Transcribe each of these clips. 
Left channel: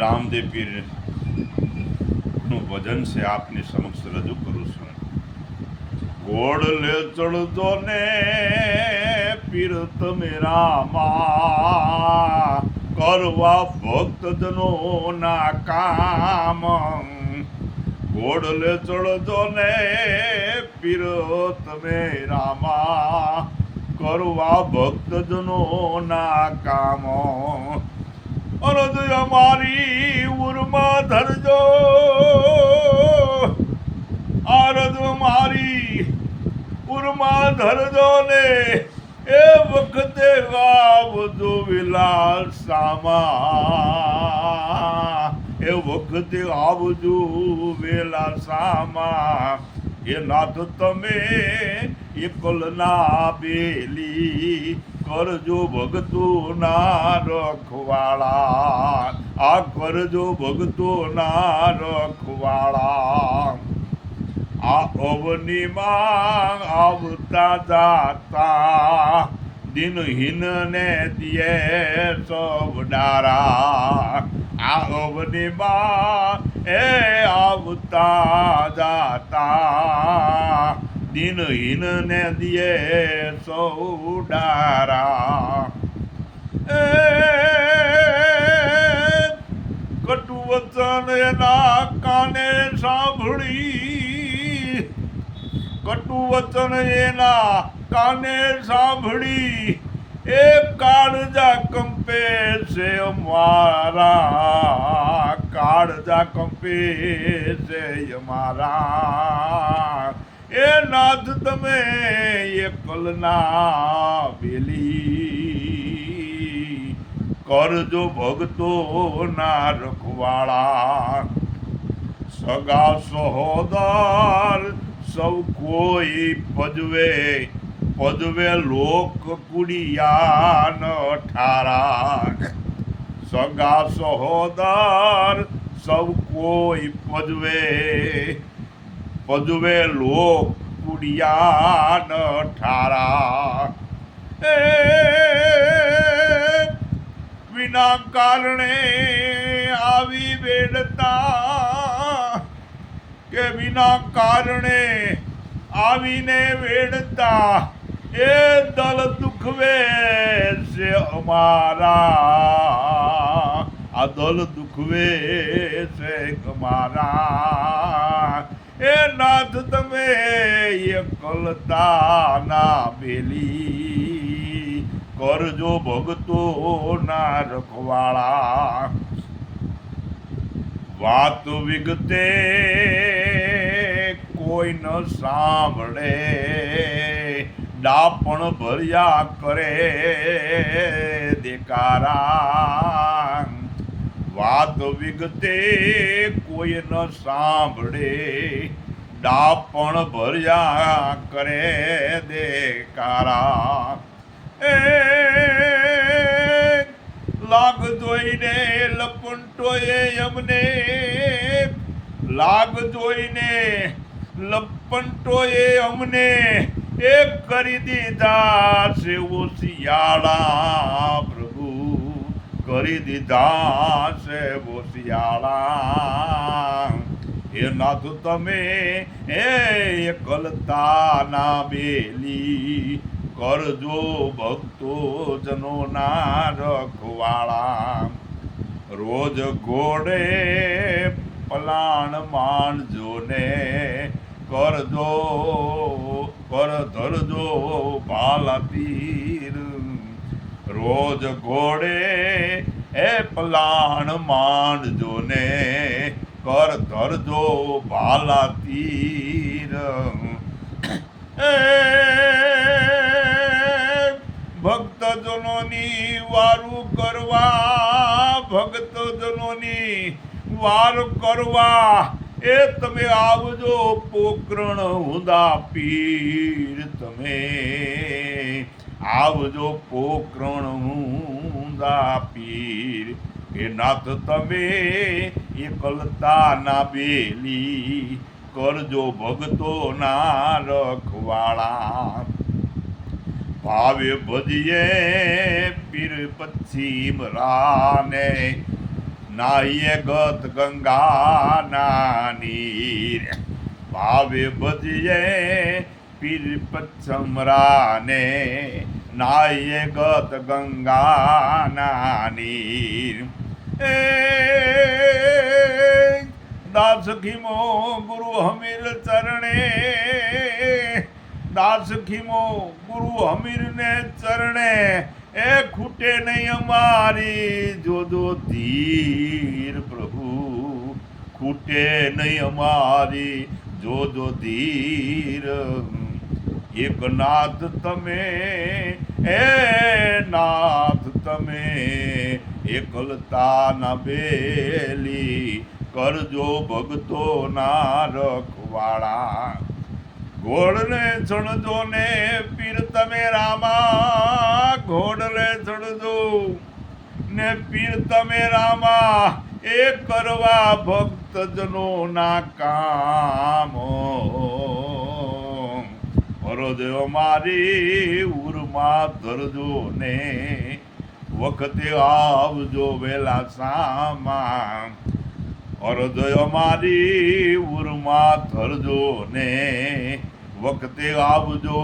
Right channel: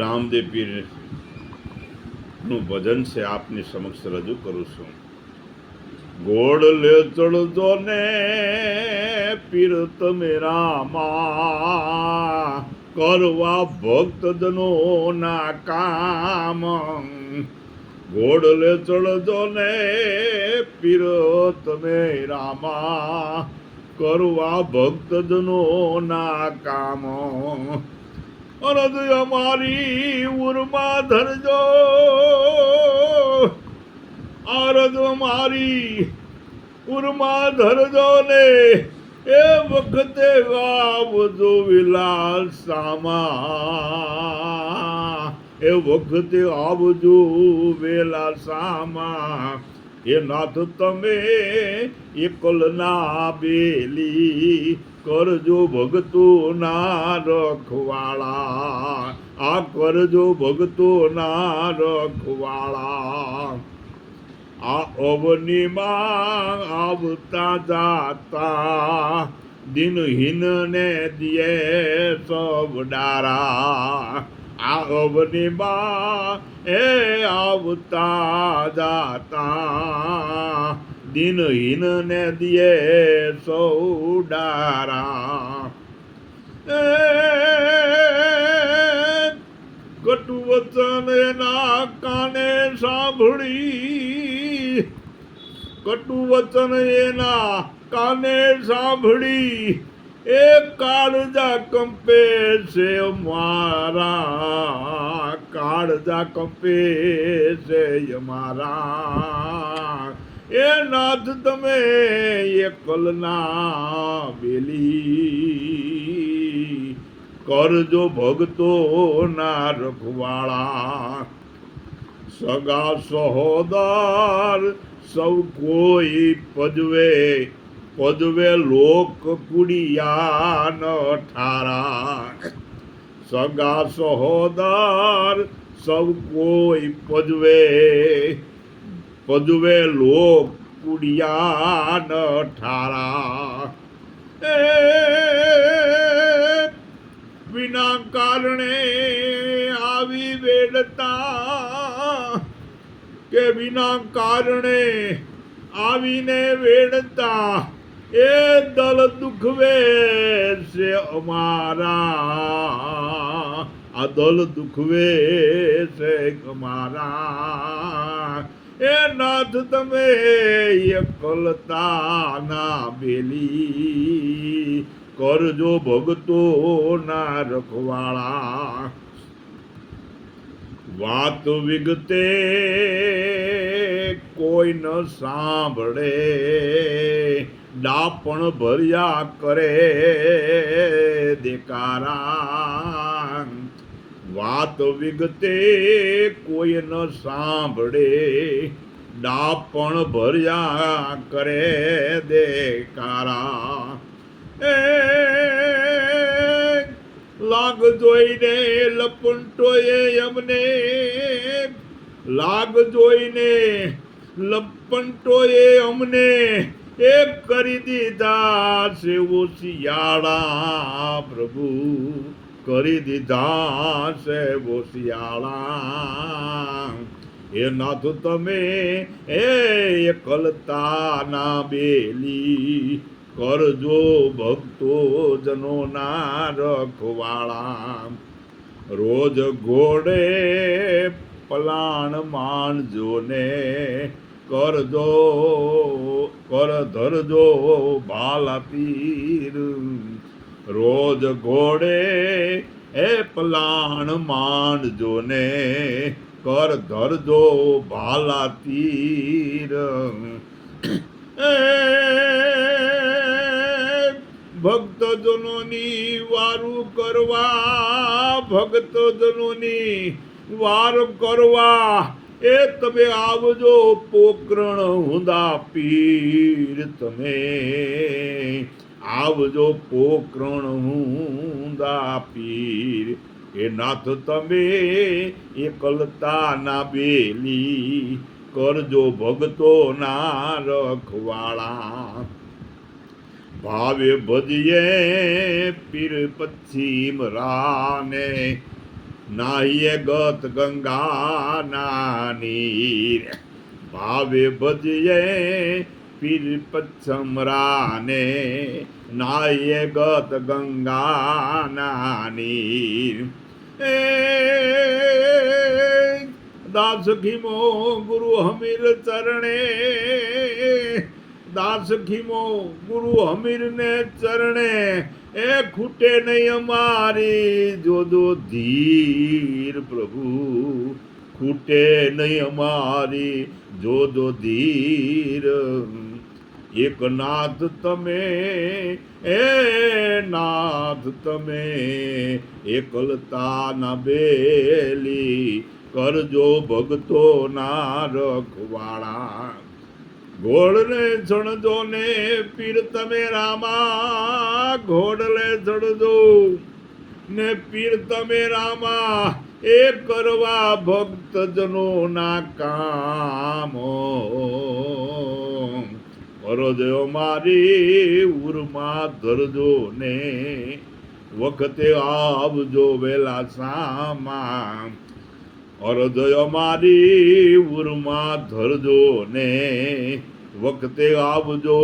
રામદેવ પીર નું ભજન છે આપની સમક્ષ રજૂ કરું છું. ગોળ લે ચડજો ને પીર તમે રામા, કરવા ભક્તજનો ના કામ. ગોળ લે ચડજો ને પીર તમે રામા, કરવા ભક્તજનો ના કામ. અરજ અમારી ઉરમાં ધરજો, અરજ મારી ઉરમાં ધરજો ને એ વખતે આવજો વિલાસામાં, એ વખતે આવજો વેલાસામાં. એ નાથ તમે એકલના બેલી, કરજો ભગતો ના રખવાળા, આ કરજો ભગતો ના રખવાળા. આ અવનીમાં આવતા જાતા દિનહીન ને દિયે સબ ડારા. આ અવનીમાં એ આવતા જાતા દિનહીન ને દિયે સૌ ડારા. કટુ વચન એના કાને સાંભળી, કટુ વચન એના કાને સાંભળી, એ કાળજા કંપે છે અમારા, કાળજા કંપે છે અમારા. એ નાથ તમે એકલના બેલી, કરજો ભગતો ના રખવાળા. સગા સહોદર સૌ કોઈ પજવે, પજવે લોક કુડિયા ન ઠારા. સગા સહોદર સૌ કોઈ પજવે, પજવે લોક કુડિયા ન ઠારા. વિના કારણે આવી વેડતા, કે વિના કારણે આવીને વેડતા, એ દલ દુખવે છે અમારા, આ દલ દુખવે છે અમારા. એ નાથ તમે એકલતા ના બેલી, કરજો ભગતો ના રખવાળા. વાત વિગતે કોઈ ન સાંભળે, ડાપણ ભર્યા કરે દેકારા. વાત વિગતે કોઈ ન સાંભળે, ડાપણ ભર્યા કરે દેકારા. લાગ જોઈને લપંટોએ અમને, લાગ જોઈને લપંટોએ અમને, એ કરી દીધા છે ઓશિયાળા. પ્રભુ કરી દીધા છે ઓશિયાળા. એ નાથ તમે એ એકલતા ના બેલી, કરજો ભક્તો જનો ના રખવાળા. રોજ ઘોડે પલાણ માણજો ને, કરજો કર ધરજો ભાલા પીર. રોજ ઘોડે એ પલાણ માંડજો ને, કર ધરજો ભાલા તીર. ભક્તજનોની વારું કરવા, ભક્તજનોની વાર કરવા, એ તમે આવજો પોકરણ હુંદા પીર. તમે આવજો પોકરણ હુંદા પીર. એ નાથ તમે એકલતા ના બેલી, કરજો ભક્તો ના રખવાળા. ભાવે ભજીએ પીર પશ્ચિમ રાને નાહીએ ગત ગંગા નીર ભાવે ભજીએ પીર પચ્છમ રાને નાહીએ ગત ગંગા નીર દાસ ખીમો ગુરુ હમીર ચરણે દાસ ખીમો ગુરુ હમીર ને ચરણે એ ખૂટે નહીં અમારી જોદો ધીર પ્રભુ ખૂટે નહીં અમારી જોદો ધીર એક નાથ તમે હે નાથ તમે એકલતા ના બેલી કરજો ભગતો ના રખવાળા ઘોડને ચણજો ને પીર તમે રામા ઘોડલે ચણજો ને પીર તમે રામા એ કરવા ભક્ત જનો ના કામ હૃદય મારી ઉરમાં ધરજો ને વખતે આવજો વેલા સામા હૃદય મારી ઉરમાં ધરજો ને વખતે આવજો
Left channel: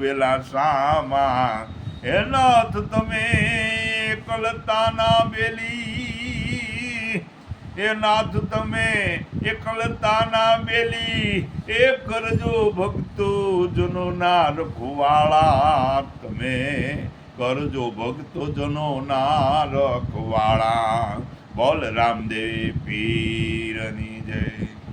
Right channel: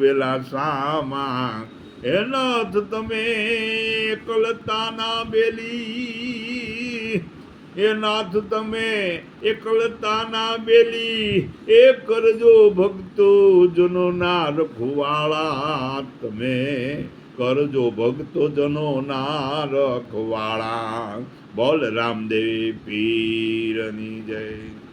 વેલા સામા હે નાથ તમે એકલતાના બેલી એ નાથ તમે એકલતાના બેલી એ કરજો ભક્તો જનો ના રખવાળા તમે કરજો ભક્તો જનો ના રખવાળા બોલ રામદેવ પીરની જય.